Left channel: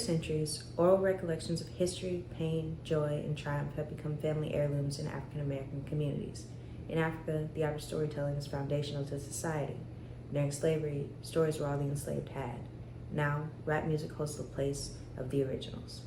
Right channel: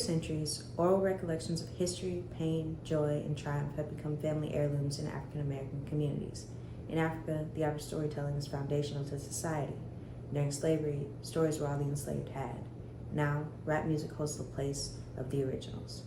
centuries, oral recollections of history, pain, joy, and triumph have become family heirlooms in African American communities. In Africa, the art of storytelling is foundational to society. During slavery, stories were all the enslaved had. Now, rap music holds the place of the originals.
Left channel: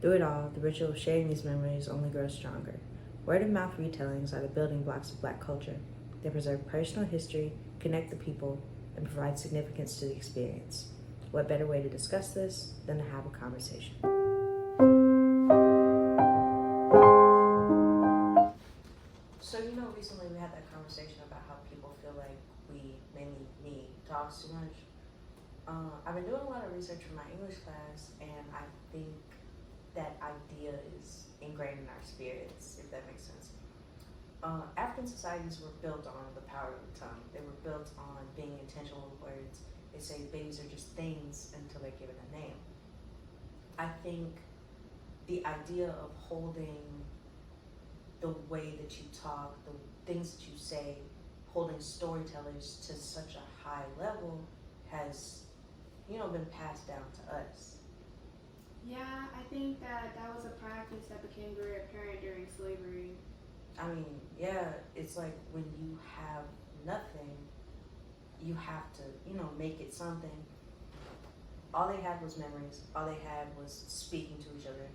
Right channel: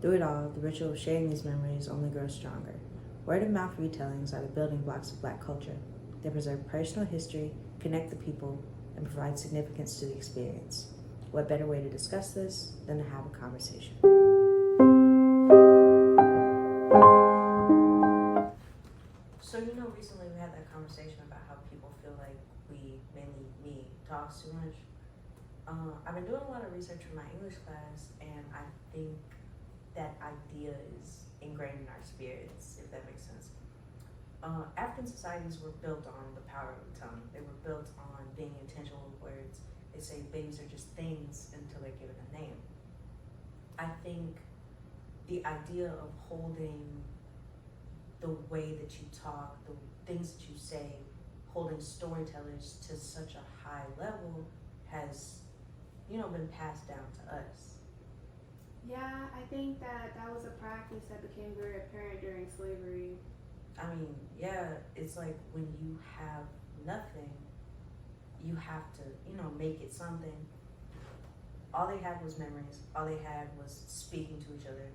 Through it all, the ritual of sharing these memories only grows stronger. Word-of-mouth retellings are the building blocks of Black culture. They preserve personal history, connect the people, and provide significance to the experience. What better way to discuss this than to have a conversation? So, recently we had that conversation about how people feel like we, mainly me, talks too much. I've been doing a lot of research for my English class, and I think that idea is ingrained in our spirits, if that makes sense. African societies were built on the power of the tongue. They were built on being intentional with words. They say babies are just things until they're given a name. I think the idea of holding the way that you talk, the things that you say, holding storytellers to such a high level has, been passed down to us. Yeah, I think that was a practice that became very apparent during slavery. I mean, yeah, it's like when you have nothing, you have to, make it something. All they had was memories. All they had was speaking to each other,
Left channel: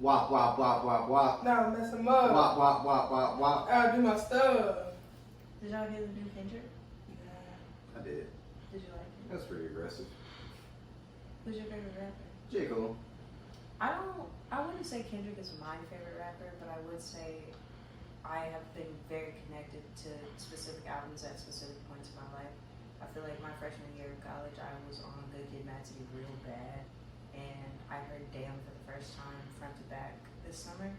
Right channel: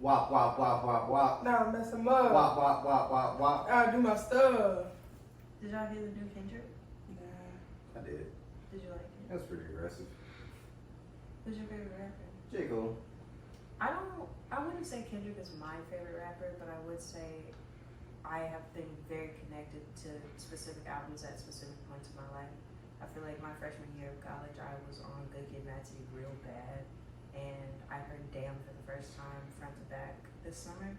Wop, wop, wop, wop, wop. Nah, mess them up. Wop, wop, wop, wop, wop. I'll do my stuff. Did y'all hear the new Kendrick? I did. Did you like it? That's pretty aggressive. Who's your favorite rapper? J. Cole. I wouldn't say Kendrick is my favorite rapper, but I would say I have been very connected to specific albums at specific points in my life. I feel like my freshman year of college, I was on Good Kid, Mad City real bad, and I heard Damn for the first time front to back this summer,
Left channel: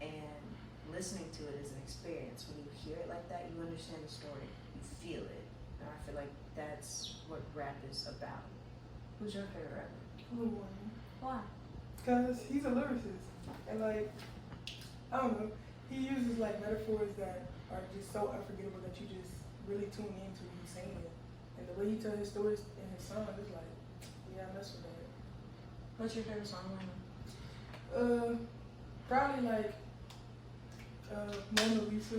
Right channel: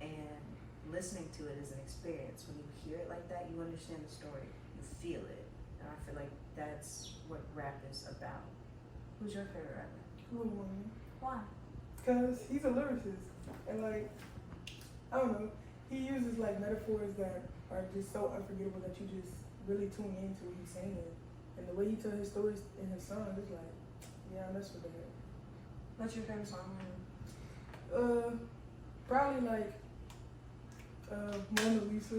and listening to it is an experience. When you hear it like that, you understand the story, you feel it, and I feel like that's what rap is about. Who's your favorite rapper? Lil Wayne. Why? Because he's a lyricist. And I don't know, he uses metaphors that are just so unforgettable that you just really tune into him saying it. And the way he tells his stories in his songs, it's like, yeah, I mess with that. What's your favorite song? Probably Mona Lisa.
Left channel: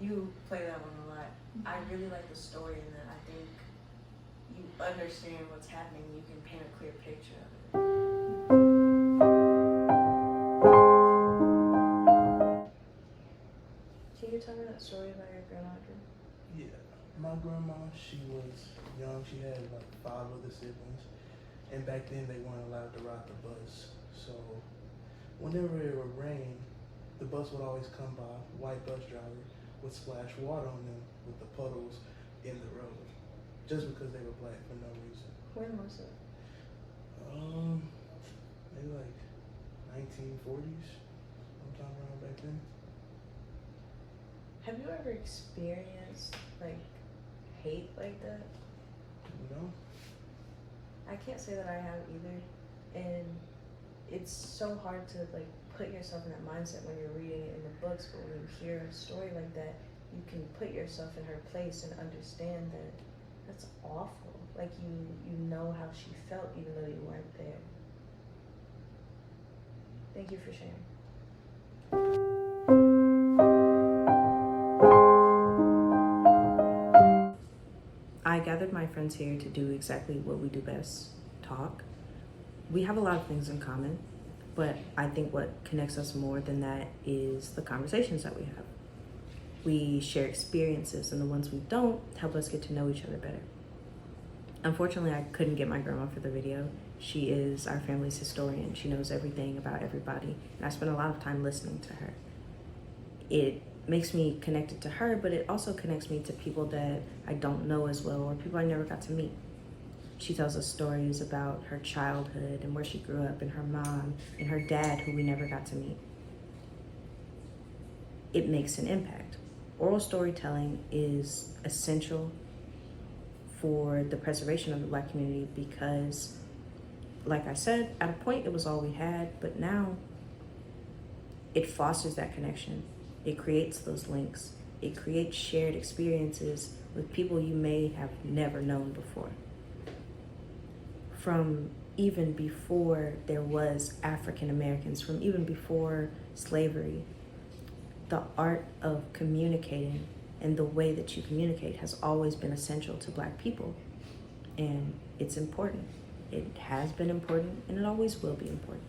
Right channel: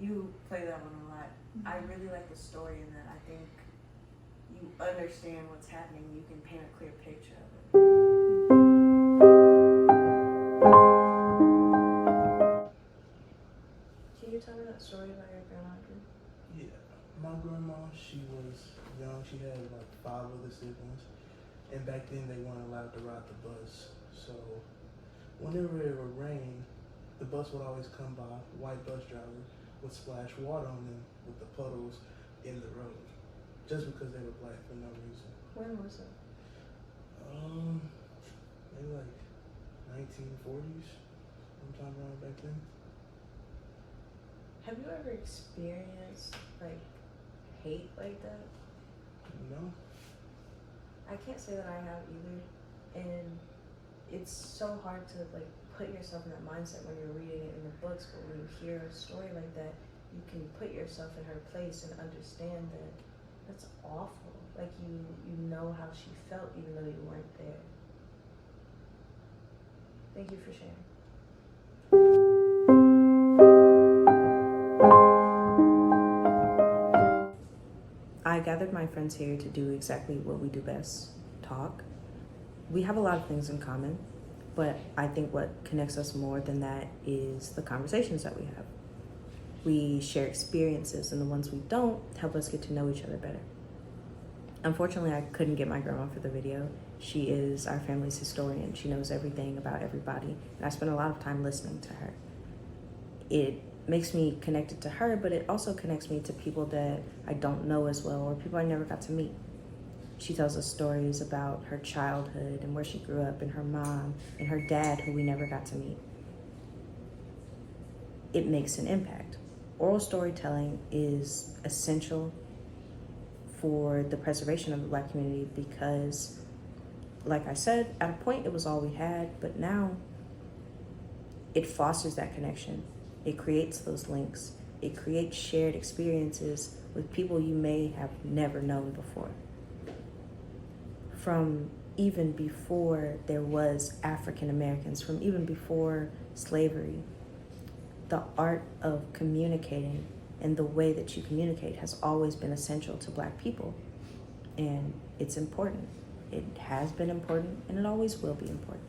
You play that one a lot. I really like the story in that. I think you understand what's happening. You can paint a clear picture of it. Can you tell me that story about your grandma? Yeah, my grandma, she was young. She had 5 other siblings. And back then they weren't allowed to ride the bus. So whenever it would rain, the bus would always come by, white bus driver would splash water on them with the puddles in the road. Just because they were Black for no reason. When was it? Maybe 1940s, sometime around back then. Have you ever experienced hate like that? No? I can't say that I have either, and it's so hard to put yourself in that mindset when you're reading it in the books, but when you hear a story like that, you can put yourself in her place and understand that that's awful. You know how she felt even though you weren't there. Thank you for sharing. I gathered my friends here to do exactly what we do best, talk. We have a lot of things in common, but I think what connects us more than that is the conversations that we have. We share experiences, and the ones we don't help us get to know each other better. Unfortunately, I couldn't get my grandma for the video. She is our family's historian. She knows everything about everybody, and I spent a lot of time listening to her. It makes me connected to her, but it also connects me to people that I don't know as well, or people I never got to meet. She tells us stories about her childhood and where she grew up, and her mom and her dad, who we never got to meet. It makes an impact. Oral storytelling is essential for the preservation of the Black community because, like I said, at a point it was all we had, but now it fosters that connection. It creates those links. It creates shared experiences with people you may have never known before. From even before there was African Americans, from even before slavery, the art of communicating and the way that you communicate has always been essential to Black people. And it's important. It has been important and it always will be important.